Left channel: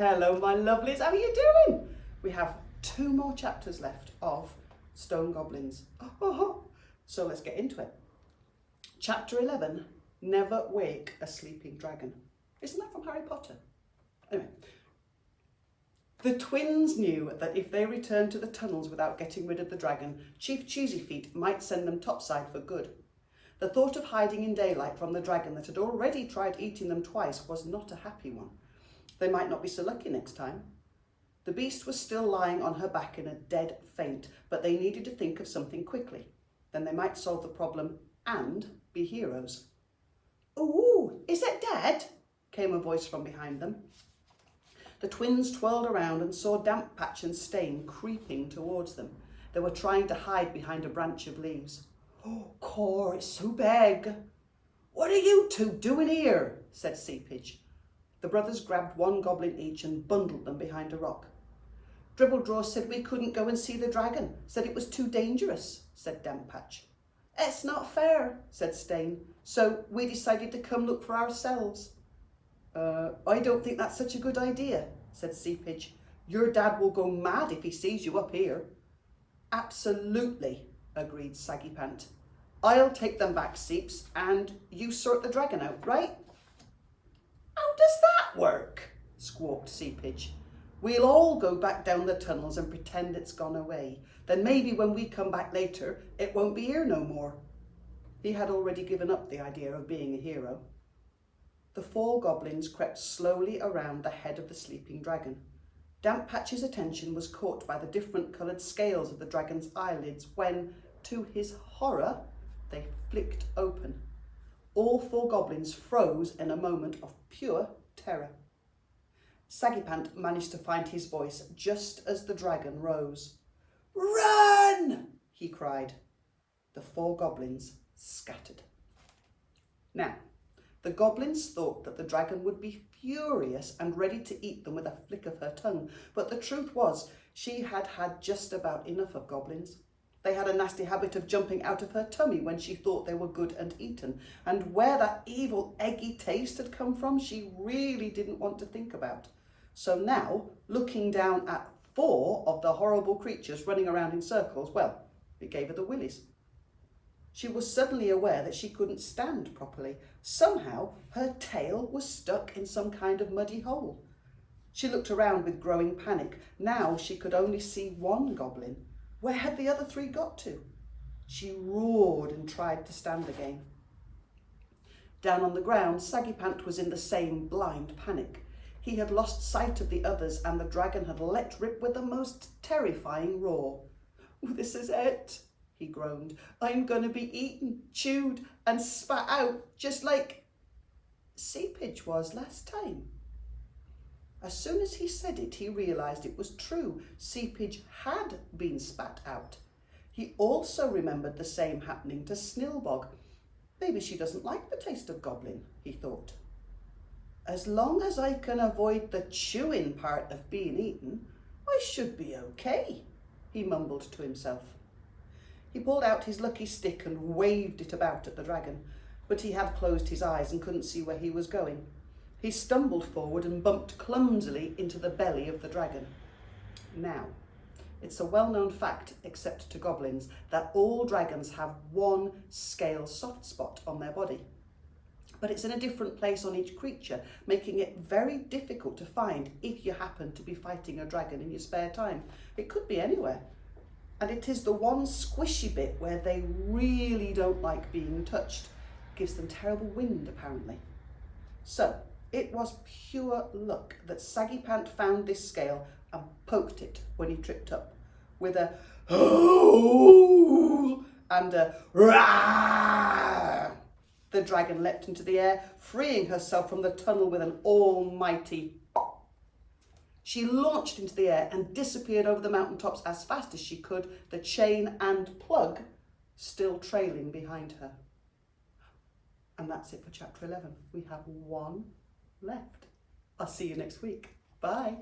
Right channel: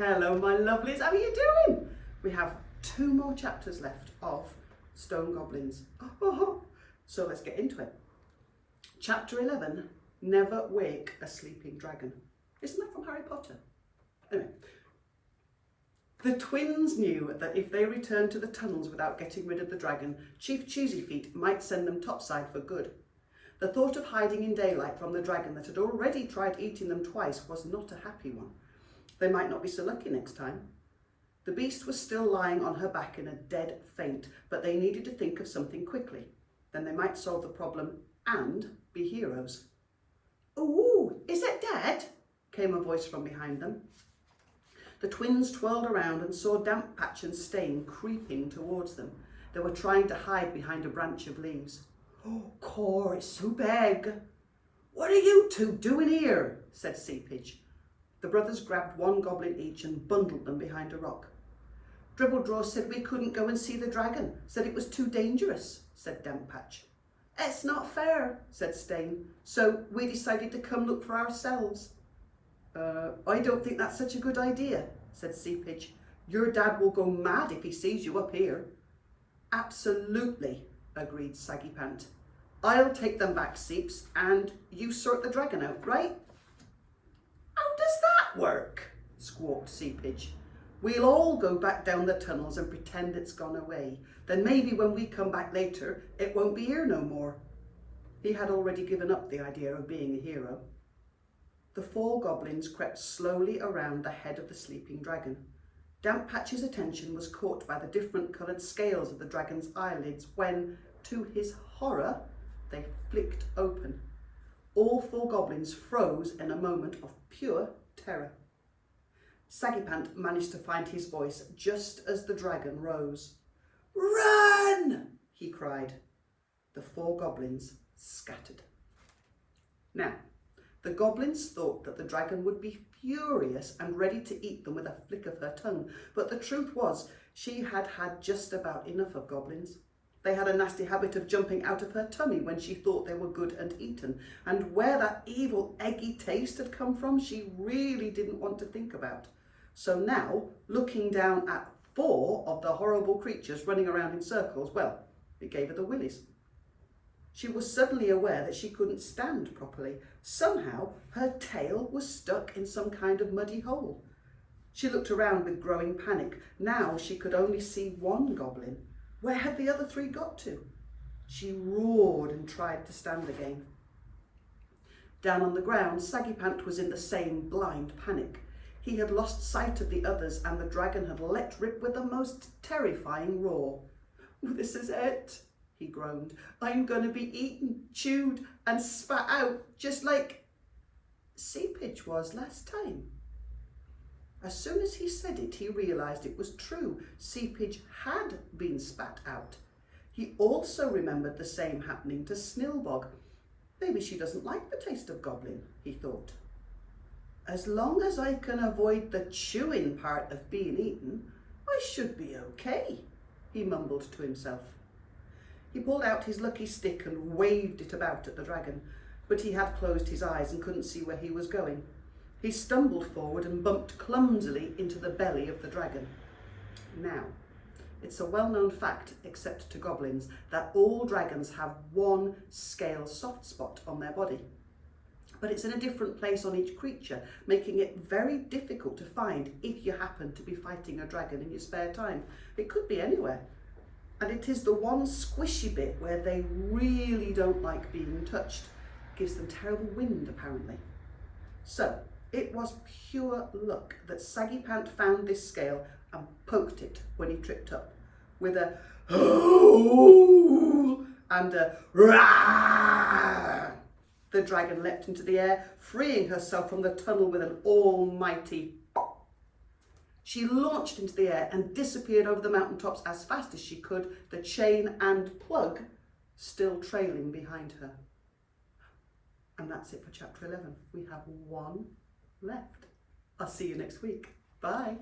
Hello my lovelies, how are you doing? We have 2 more chapters left of Stone Goblins. So let's get into it. Chapter 11, Never Wake a Sleeping Dragon. Isn't that from Harry Potter? Anyway, the twins knew that if they returned to the tunnels without getting rid of the dragon, Chief Choosy Feet might send them topside for good. The thought of hiding in daylight from the dragon that had already tried eating them twice was not a happy one. They might not be so lucky next time. The beast was still lying on her back in a dead faint, but they needed to think of something quickly. Then they might solve the problem and be heroes. "Ooh, is it dead?" came a voice from behind them. The twins twirled around and saw Damp Patch and Stain creeping towards them. They were trying to hide behind a branch of leaves. "Oh, Cor, it's so big." "What are you two doing here?" said Seepage. The brothers grabbed 1 goblin each and bundled them behind a rock. "Dribbledraw said we couldn't go and see the dragon, said it was too dangerous," said Damp Patch. "It's not fair," said Stain, "so we decided to come look for ourselves." I don't think that's such a good idea," said Seepage. "Your dad will go mad if he sees you up here." "Absolutely," agreed Saggy Pant. "I'll take them back, Seeps, and you sort the dragon out, right?" "How does that work?" squawked Seepage. "We'll all go back down the tunnels and pretend it's gone away. Then maybe when we come back later, it won't be here no more." He had already given up the idea of being a hero. The 4 goblins crept slowly around the head of the sleeping dragon. Damp Patch's attention was caught by the different coloured scales of the dragon's eyelids when, to his horror, they flicked open. All 4 goblins froze in a moment of pure terror. Saggy Pant managed to find his voice just as the dragon rose. "Run!" he cried. The 4 goblins scattered. Now, the goblins thought that the dragon would be furious and ready to eat them with a flick of her tongue, but the truth was she had had just about enough of goblins. They had a nasty habit of jumping out of her tummy when she thought they were good and eaten, and where that evil eggy taste had come from she really didn't want to think about. So now, looking down at 4 of the horrible creatures running around in circles, well, it gave her the willies. She was suddenly aware that she couldn't stand properly. Somehow her tail was stuck in some kind of muddy hole. She looked around with growing panic. Now she could only see 1 goblin. Where had the other 3 got to? She roared and tried to stand again. Down on the ground, Saggy Pant was in the same blind panic. He had lost sight of the others and the dragon had let rip with the most terrifying roar. "This is it," he groaned. "I'm going to be eaten, chewed and spat out just like Seepage was last time." As soon as he said it, he realised it was true. Seepage had been spat out. He also remembered the same happening to Snillbog. Maybe she doesn't like the taste of goblin, he thought. As long as I can avoid the chewing part of being eaten, I should be okay, he mumbled to himself. He pulled out his lucky stick and waved it about at the dragon, but he had closed his eyes and couldn't see where he was going. He stumbled forward and bumped clumsily into the belly of the dragon. Now, it's a well-known fact, except to goblins, that all dragons have 1 scale soft spot on their body. But it's in a different place on each creature, making it very difficult to find if you happen to be fighting a dragon in your spare time. It could be anywhere. And it is the one squishy bit where they really don't like being touched. It gives them terrible wind, apparently. So, it was pure luck that Saggy Pant found this scale and poked it when he tripped up. With a "Hoo!" and a "Rah!" The dragon leapt into the air, freeing herself from the tunnel with an almighty pop. She launched into the air and disappeared over the mountaintops as fast as she could, the chain and plug still trailing behind her. And that's it for chapter 11. We have 1 left. I'll see you next week. Bye.